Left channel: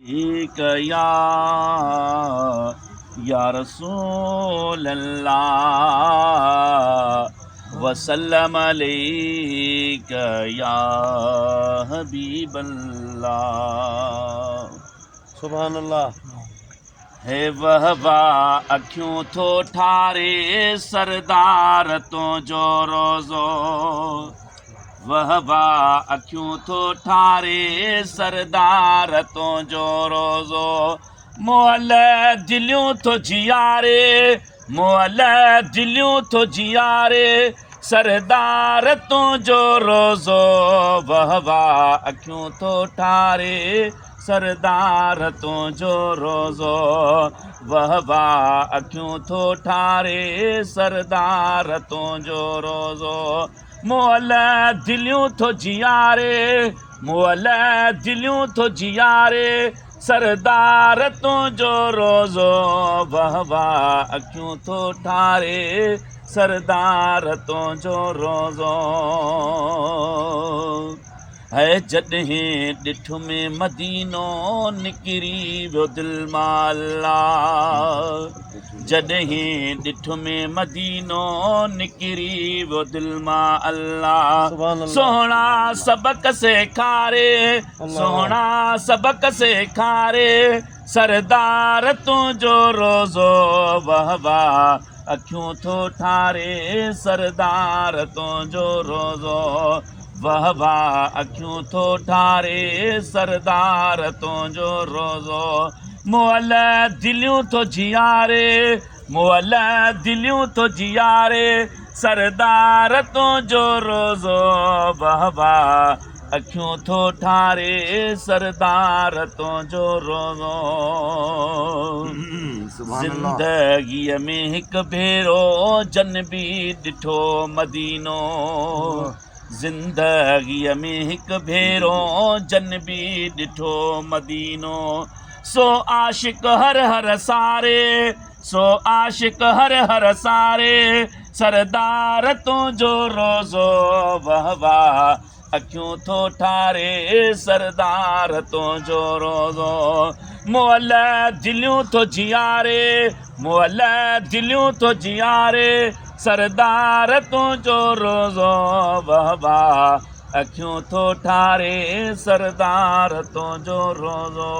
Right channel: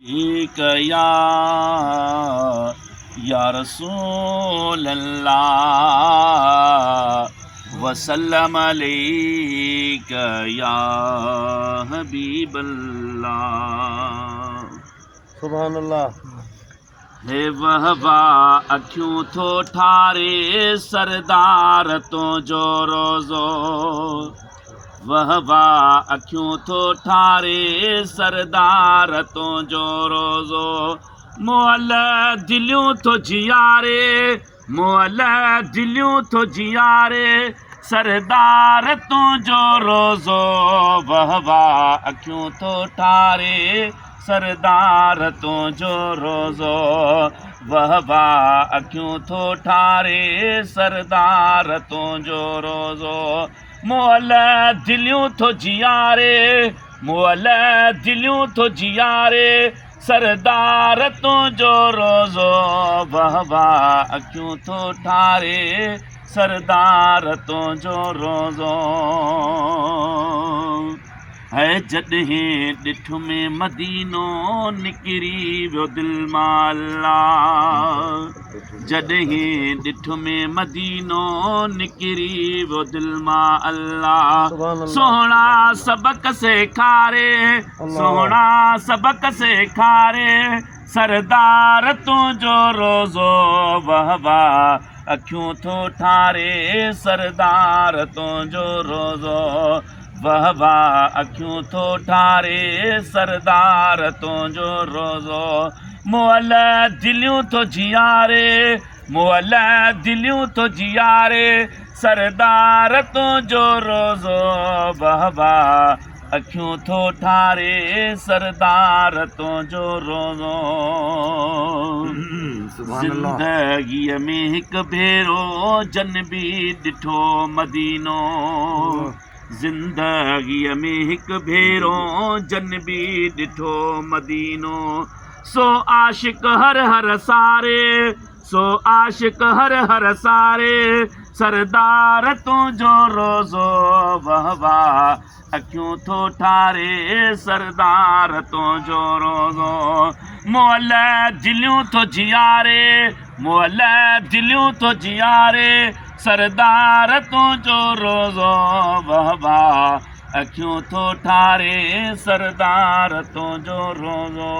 एक या रसूल अल्लाह वसल्लम अलैक या हबीब अल्लाह। सुभान अल्लाह। है वहवा अखियूं थो ठारे सरदार तो जो रोज़ो, वहवा अखियूं थो ठारे सरदार तो जो रोज़ो। मुअल दिलियूं थो जियारे, मुअल दिलियूं थो जियारे सरदार तो जो रोज़ो। वहवा अखियूं थो ठारे सरदार तो जो रोज़ो, वहवा अखियूं थो ठारे सरदार तो जो रोज़ो। मुअल दिलियूं थो जियारे, मुअल दिलियूं थो जियारे सरदार तो जो रोज़ो। वहवा अखियूं थो ठारे सरदार तो जो रोज़ो। है जॾहिं ॾिठ में मदीनो निकिरी वियो दिलि मां अल्लाह, जॾहिं ॾिठ में मदीनो निकिरी वियो दिलि मां अल्लाह। सोहणा सबक सेखारे, सोहणा सबक सेखारे सरदार तुंहिंजो रोज़ो। वहवा अखियूं थो ठारे सरदार तुंहिंजो रोज़ो, वहवा अखियूं थो ठारे सरदार तुंहिंजो रोज़ो। मुअल दिलियूं थो जियारे, मुअल दिलियूं थो जियारे सरदार तुंहिंजो रोज़ो। वहवा अखियूं थो ठारे सरदार तुंहिंजो रोज़ो। ज़िंदगीअ में हिकु भेरो जन बि ॾिठो मदीनो, ज़िंदगीअ में हिकु भेरो जन बि ॾिठो मदीनो। सो आशिक हर हर सारे, सो आशिक हर हर सारे सरदार तुंहिंजो रोज़ो। वहवा अखियूं थो ठारे सरदार तुंहिंजो रोज़ो। मुअल दिलियूं थो जियारे, मुअल दिलियूं थो जियारे सरदार तुंहिंजो रोज़ो। वहवा अखियूं थो ठारे सरदार तुंहिंजो रोज़ो।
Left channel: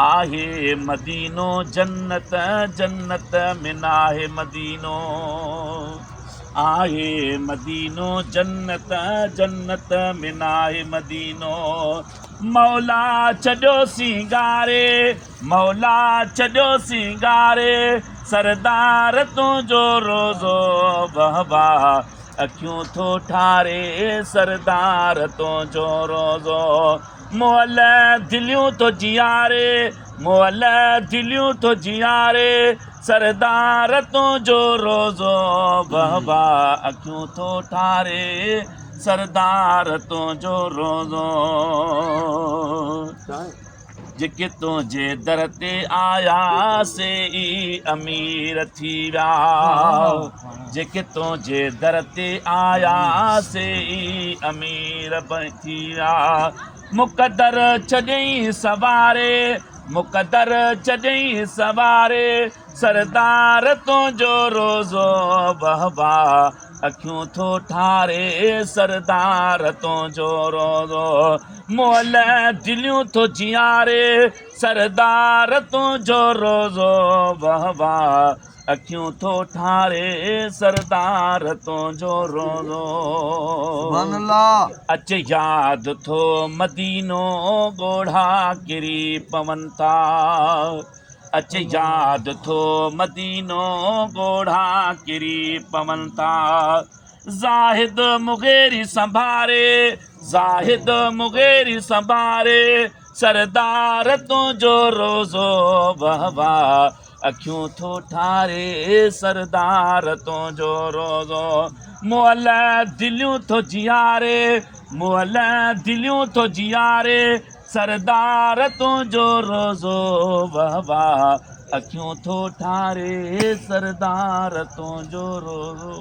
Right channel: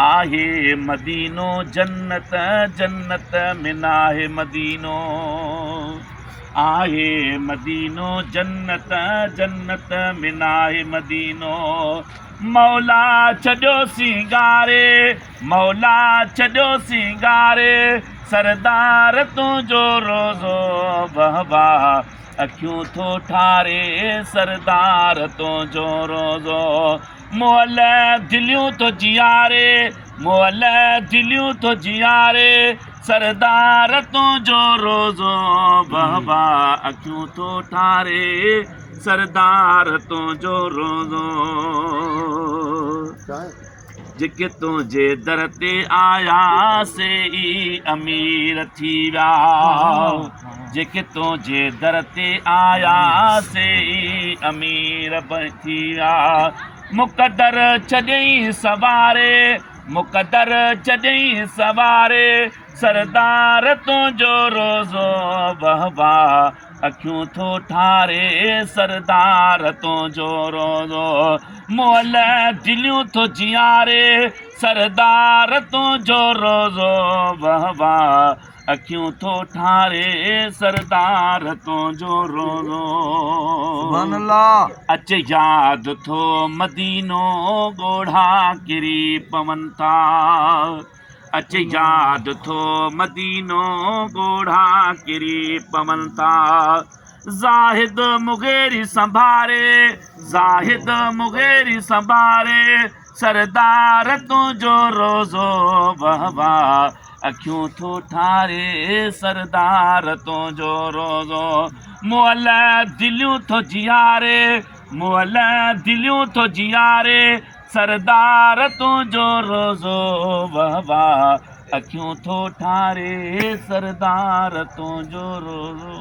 आहे मदीनो जन्नत, जन्नत में नाहे मदीनो, आहे मदीनो जन्नत, जन्नत में नाहे मदीनो। मौला छॾियो सिंगारे, मौला छॾियो सिंगारे सरदार तुंहिंजो रोज़ो। वहवा अखियूं थो ठारे सरदार तुंहिंजो रोज़ो। मुअल दिलियूं थो जियारे, मुअल दिलियूं थो जियारे सरदार तुंहिंजो रोज़ो। वहवा अखियूं थो ठारे सरदार तुंहिंजो रोज़ो। जेके तुंहिंजे दर ते आया से ई अमीर थी विया, जेके तुंहिंजे दर ते आया से ई अमीर थी विया। मुक़दर छॾियईं सवारे, मुक़दर छॾियईं सवारे सरदार तुंहिंजो रोज़ो। वहवा अखियूं थो ठारे सरदार तुंहिंजो रोज़ो। मुअल दिलियूं थो जियारे सरदार तुंहिंजो रोज़ो। वहवा अखियूं थो ठारे सरदार तुंहिंजो रोज़ो। अच यादि थो मदीनो ॻोढ़ा किरी पवनि था, अच यादि थो मदीनो ॻोढ़ा किरी पवनि था। ज़ाहिद मुग़ेरी संभारे, ज़ाहिद मुग़ेरी संभारे सरदार तुंहिंजो रोज़ो। वहवा अखियूं थो ठारे सरदार तुंहिंजो रोज़ो। मुअल दिलियूं थो जियारे, मुअल दिलियूं थो जियारे सरदार तुंहिंजो रोज़ो। वहवा अखियूं थो ठारे सरदार तुंहिंजो रोज़ो।